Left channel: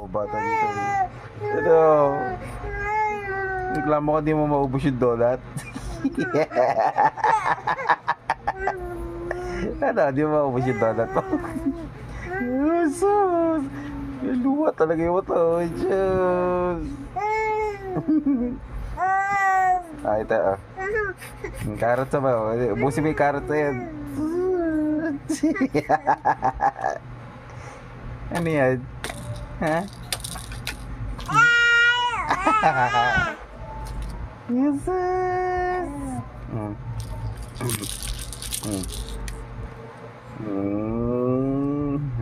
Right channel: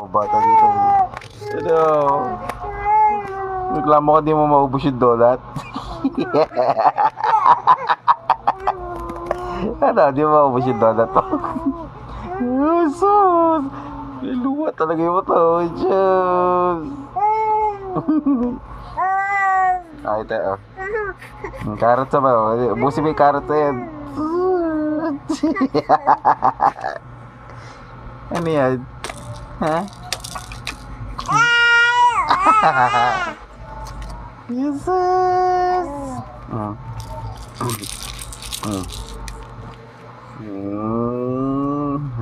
O, bata dito. Ano? Reklamo ka di mo maubos yung donut? Ano? Di mo maubos yung donut mo? Jesus! May luwa talaga yung mata. Oh, Diyos! Ay, ito. Oh. Carrot sa ba? Ubusin mo yung carrot na yan. Ano yan? Ha? Jesus!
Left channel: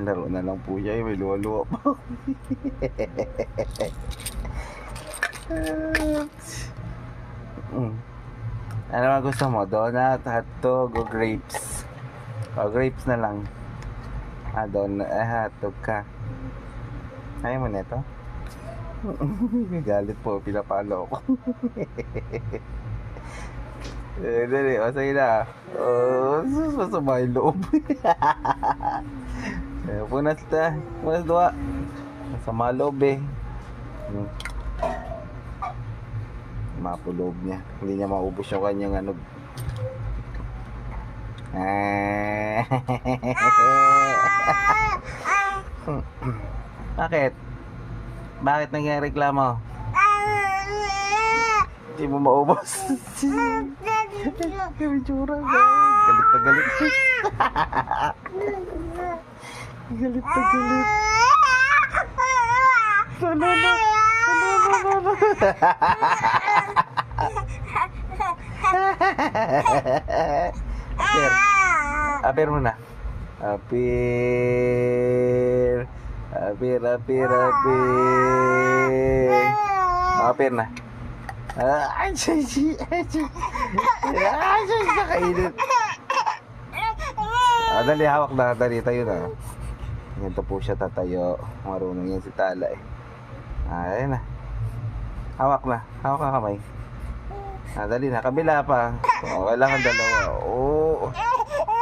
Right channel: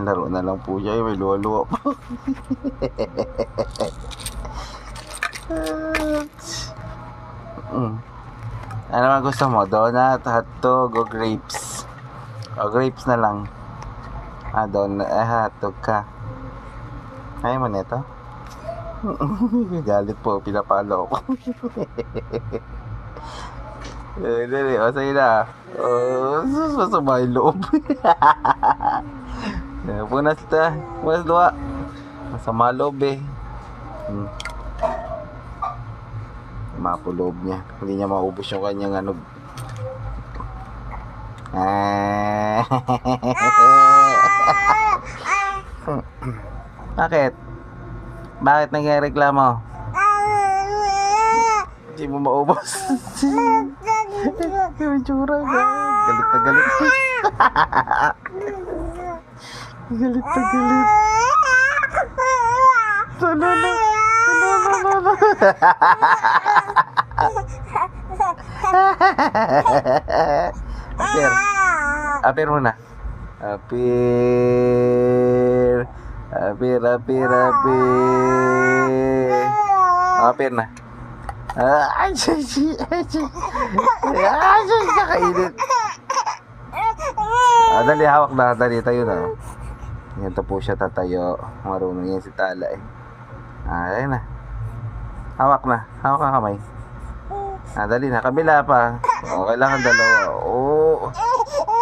Laro na lang po siya. May luwa-luwa po. Ano naman gusto mo? Donut, hotdog, o grapes? O grapes na lang. Donut, hotdog ka. Ayaw mo nito? Galit po, pinapalo ko. Dali, o sa'yo na. Masama yung loob. Punas luwa. Masama loob eh. Mapuloob niya. Hindi niya maubos yung kanyang ano. Bakit? Bakit nagreklamo? Hindi mo maubos. Yung tsura ka. Galit na galit. Galit na galit. Sana na. Apir. Apir muna. Apir. Apir. Apir na. Ay, kainit. Dali, hawak na. Dali, tayo na. Ganito po siya tatayo. Marunong yan si Tala eh. Ayan na. Hawak na. Hawak ang kamay. Dali na. Kabila pa. Kailangan dalawa.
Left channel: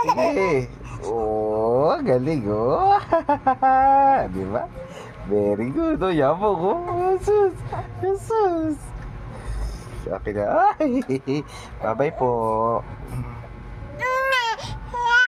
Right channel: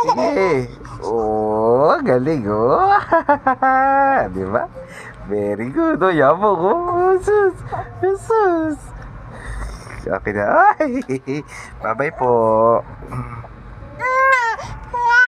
Sige. Galing diba? Very good. Yabo ko. Jesus. Okay na. Bye-bye po.